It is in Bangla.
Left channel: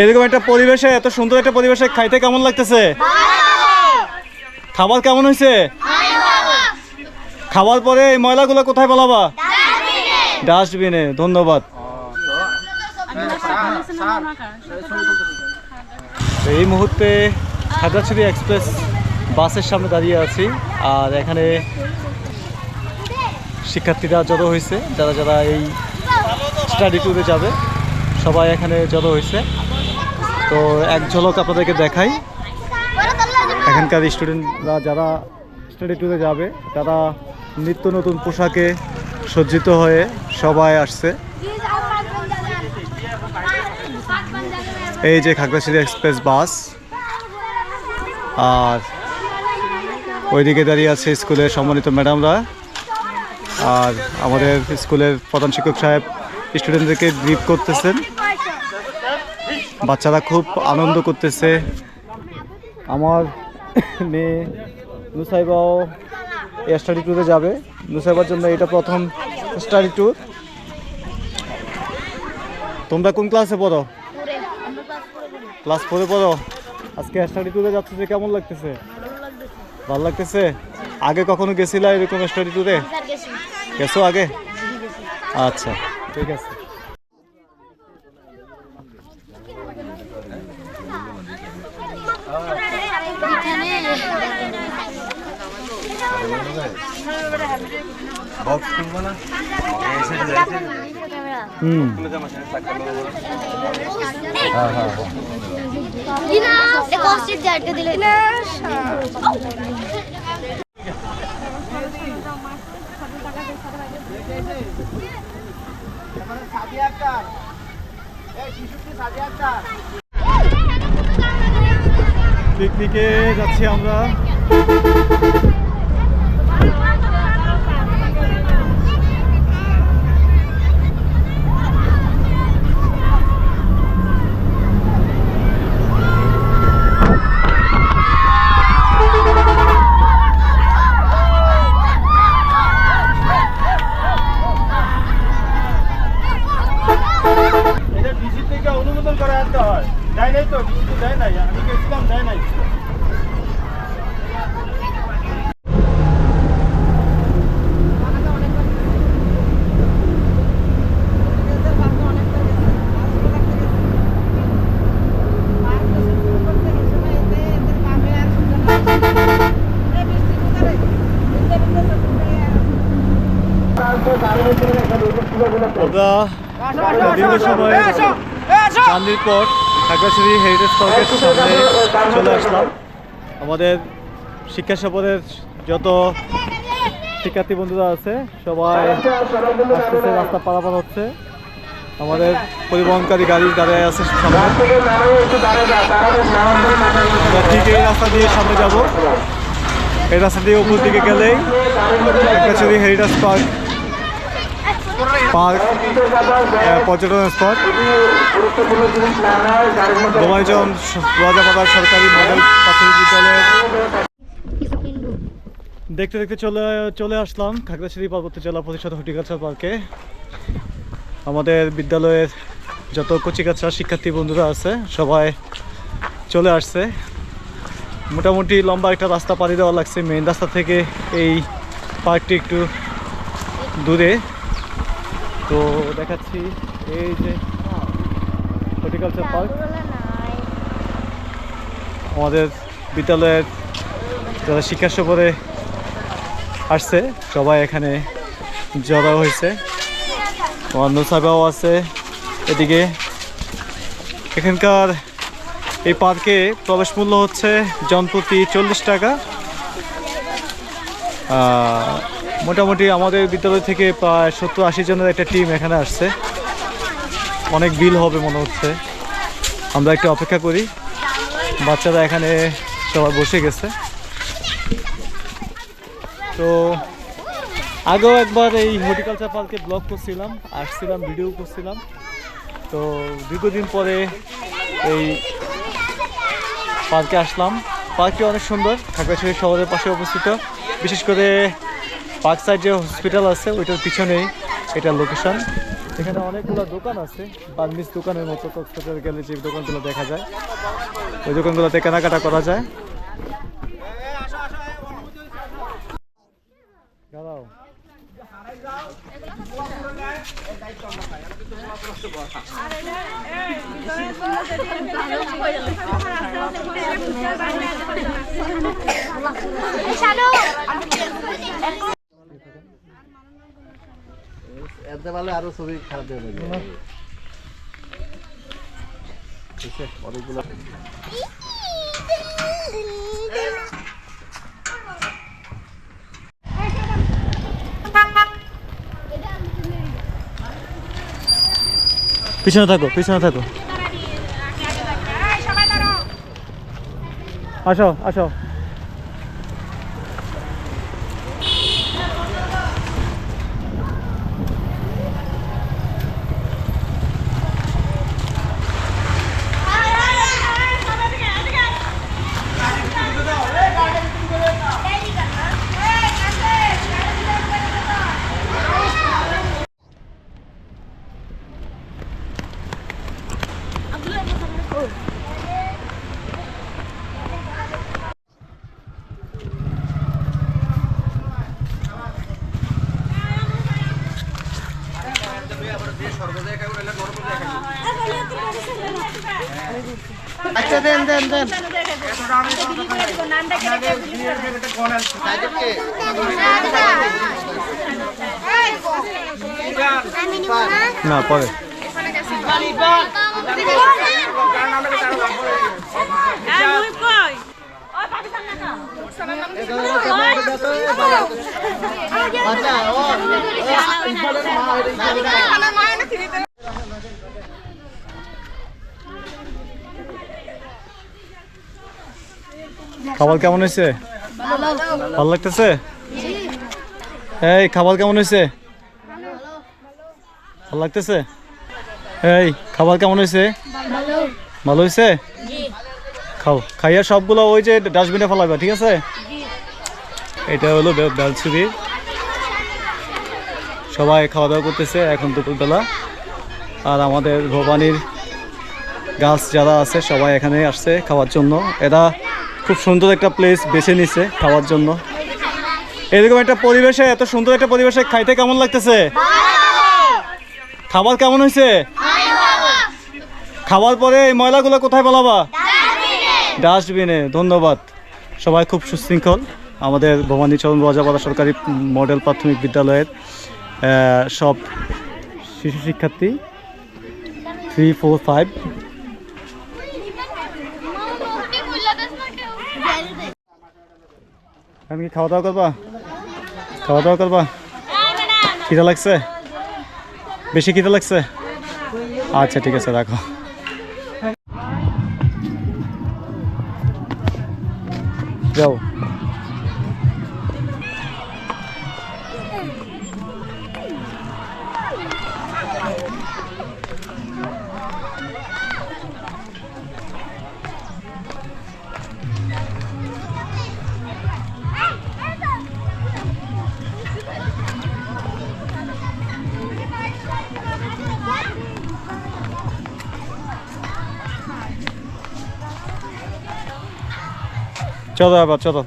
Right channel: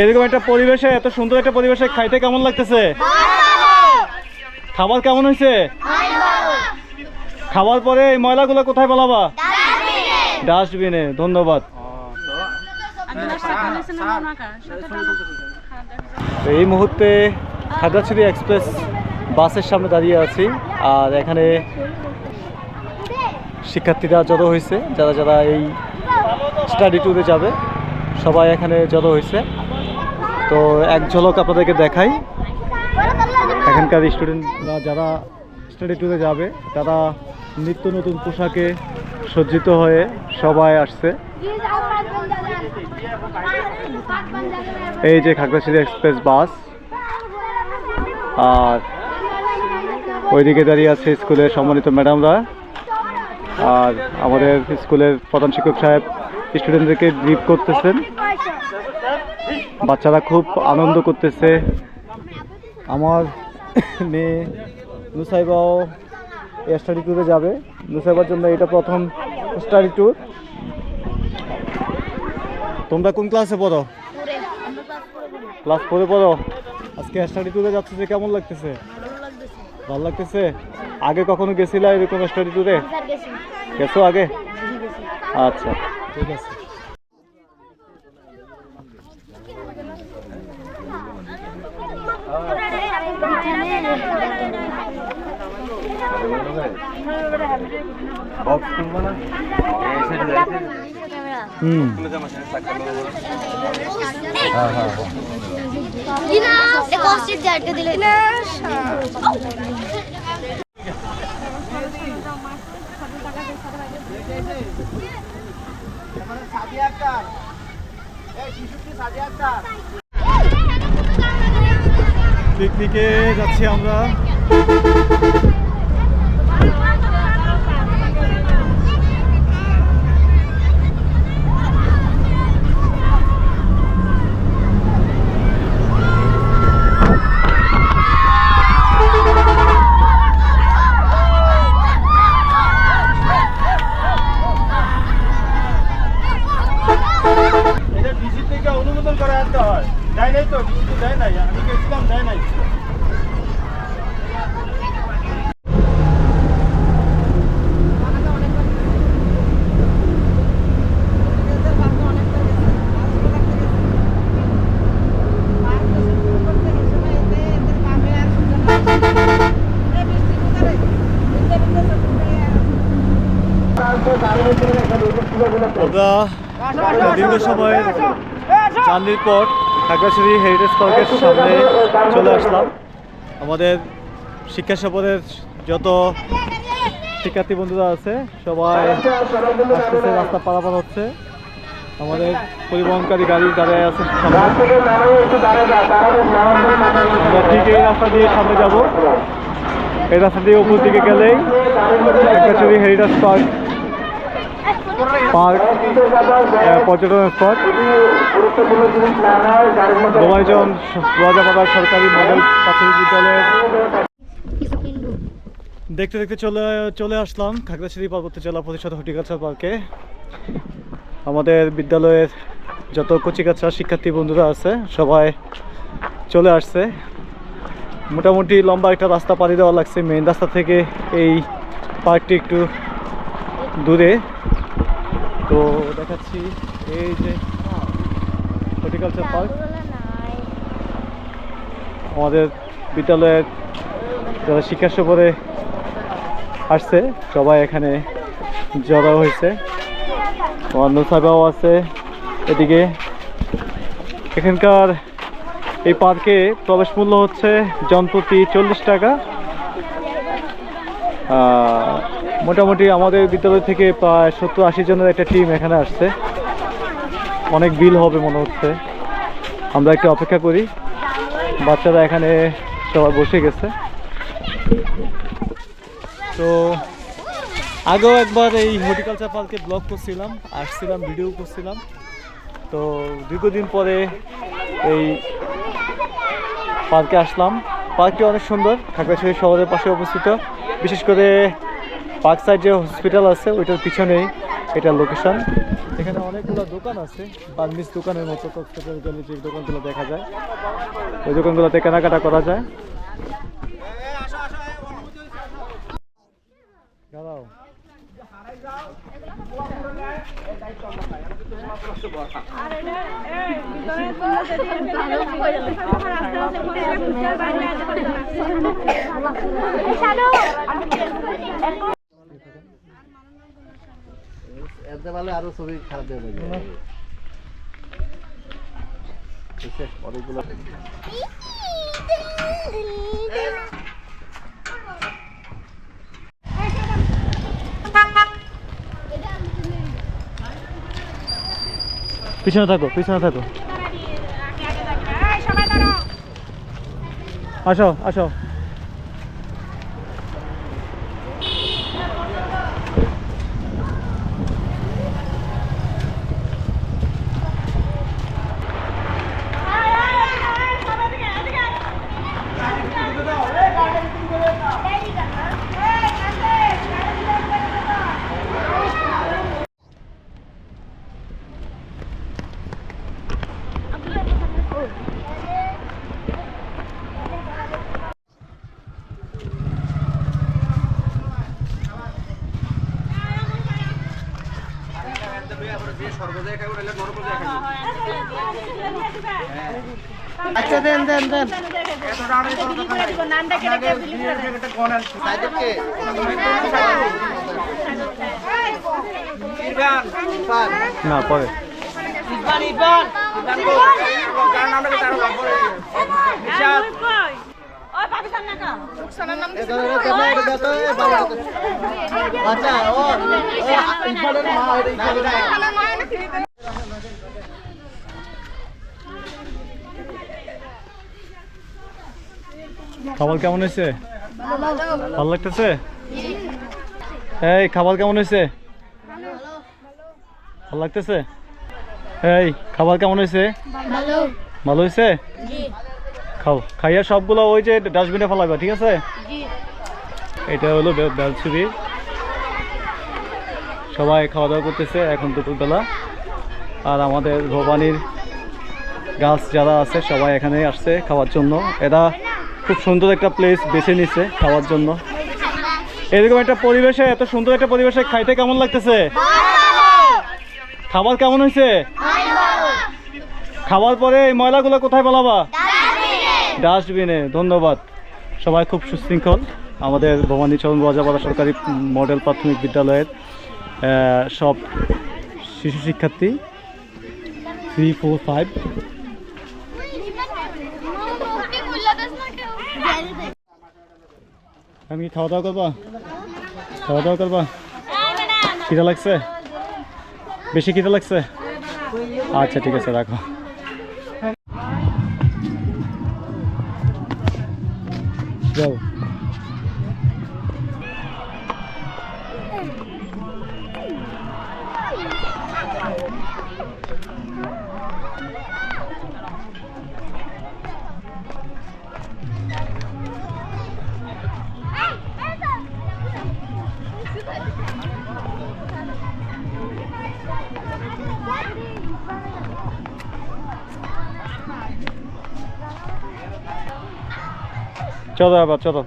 এরকম একটা পরিবেশে, এত সুন্দর একটা পরিবেশে খাইতে কেমন লাগতেছে? খাবার কেমন হয়েছে? খাবার পরে এই ময়লাগুলো কোথায় বলাবা ডাস্টবিনে, ধন্যবাদ। এই মুহূর্তে খাগড়াছড়ি এক্সপ্রেস বাসের সামনে দাঁড়িয়ে আছি, আর এখানে শিক্ষার্থীরা জড়ো হয়েছে, যারা যারা এই স্টাডি ট্যুরে যাবে, সবাই এখানে জড়ো হয়েছে। তো এক ঝলক আপনাদেরকে দেখাই। এখানকার স্টুডেন্টরা যারা স্টাডি ট্যুরে যাবে, তারা নিত্য নতুন পোশাকে সজ্জিত হয়ে সবাই আসছে। এই যে খাগড়াছড়ি এক্সপ্রেস বাস। আর ওইদিকে দাঁড়িয়ে আছে স্কুলের সম্মানিত ম্যাডামরা। আর আমাদের স্কুলের প্রধান শিক্ষক সাহেব স্টুডেন্টদেরকে ব্রিফ করতেছেন। বাচ্চারা খুব আনন্দ করতেছে। আমার মেয়ে নুসাইবাও স্টাডি ট্যুরে যাবে। নুসাইবার জন্য এটা প্রথম স্টাডি ট্যুর তোমরা কোন ক্লাসে পড়ো? ক্লাস ফোরে পড়ো। আজকে স্টাডি ট্যুরে যাচ্ছে যে কেমন লাগতেছে? ভালো লাগতেছে? আগে কখনো গেছিলা এরকম স্টাডি ট্যুরে গেছো আগে? আচ্ছা ঠিক আছে। হুম হ্যাঁ হ্যাঁ হ্যাঁ জায়গা দিলে পিকনিকে যাচ্ছি আমরা এটা ডিসি থেকে অনুমোদন করে আনতে হয় দেয় নাই তো ডিসি তো দেয় নাই আমি গেছিলাম দেয় নাই আমরা দীর্ঘ সময় চান্দির পর হেরিটেজ পার্কের সামনে চলে আসলাম। আমাদের শিক্ষা সফরের যত শিক্ষার্থী বন্ধুরা আছে, সবাই রাস্তা পারাপার হচ্ছে। আমাদের পরিবহনকারী গাড়ি দাঁড়িয়ে আছে ঠিক এই রাস্তা দিয়ে সামনে যাব। এই রাস্তা দিয়ে উপর দিকে গেলেই খাগড়াছড়ি হেরিটেজ পার্ক পার্ক পর্যটন স্পট। গোমাইজন রাজাপাড়া সরকারি মডেল প্রাথমিক বিদ্যালয়ের দেখতে দেখতে চলে চলে আসলাম খাগড়াছড়ি পার্বত্য জেলা পরিষদ হর্টিকালচার পার্কে। আমাদের বিদ্যালয়ের যত কচিকাচা শিক্ষার্থী বন্ধুরা আছে, সবাই চলে আসছে। মোটামুটি লম্বা একটা রাস্তা পাড়ি দেওয়া লাগছে মেইন রাস্তা থেকে এই পার্কটি একটু দূরে। তো দেখাচ্ছি এই যে হর্টিকালচার পার্ক আমাদের বিদ্যালয়ের যারা শিক্ষা সফরে আসছে, সবাই এখানে জড়ো হয়েছে। অন্য সাহেবাও আছে এদিকে। এখানকার এই পার্কে প্রবেশ মূল্য হচ্ছে জনপ্রতি চল্লিশ টাকা। মোটামুটি আমাদের বিদ্যালয় থেকে প্রায় সত্তর আশি জনের একটা টিম এখানে আসছে। অনেক বিল হবে মনে হচ্ছে। আমরা একটু অপেক্ষা করি। বাচ্চারা এখানে সবাই বসে গেছে। তো আগেও একবার এই হর্টিকালচার পার্কে ব্লগ করছিলাম, আসছিলাম ভিডিও করছিলাম। তো দীর্ঘদিন পরে এই পার্কে আসলাম। পার্কটি অনেক সুন্দর। খাগড়াছড়ি শহরের পাশে অবস্থিত। বিশেষ করে পার্ক সাইড যে হসপিটাল আছে, ওইটার পিছনেই এটা লোকেশন এখানে অনেকগুলো দোকান আছে বার্মিস দোকানের মতো, কক্সবাজার গেলে যে দোকানগুলো দেখা যায়, ওই দোকানগুলোতে কেনাকাটা করা যায়। দাঁড়াও। এতে পারলে আরও ছবি খারাপ হয়ে যাবে? অনেকগুলো পিছনে থাকো পিছনে থাকো। আসো আসো। আচ্ছা দেন দেন দেন। না পরে। খাবার কেমন হয়েছে? ভালো লাগতেছে? এই খাবার কেমন হয়েছে? ভালো লাগতেছে? এই খাবার কেমন হয়েছে? ভালো। হয়েছে? খাও খাইয়া সবগুলো ওই যে ডাস্টবিনে ফেলাবে ঠিক আছে? এটা হলো বেলছুরি সবাই খাওয়া দাওয়া করতেছে এখন দুপুরবেলা। আর আমাদের ভবানীর গাছ যারা আছে সবাই এখানে আসছে খাওয়ার জন্য। এরা খুব সুন্দর একটা প্লেস বেছে নিছে খাওয়ার জন্য। এরকম একটা পরিবেশে, এত সুন্দর একটা পরিবেশে খাইতে কেমন লাগতেছে? খাবার কেমন হয়েছে? খাওয়ার পরে এই ময়লাগুলো কোথায় বলাবা ডাস্টবিনে। ধন্যবাদ। সবাই খুব সুশৃঙ্খল। আমাদের ভবানী চরণ রাজাপাড়া সরকারি মডেল প্রাথমিক বিদ্যালয়ের সব শিশু শিক্ষার্থী থ্রি ফোর ফাইভ আমি কি খাওয়া দাওয়া করবা? খাওয়া দাওয়া করবা? খিদা লাগছে? বেশি খিদা লাগছে? আচ্ছা ঠিক আছে, রাখো। যাও। চলো আবার চলো।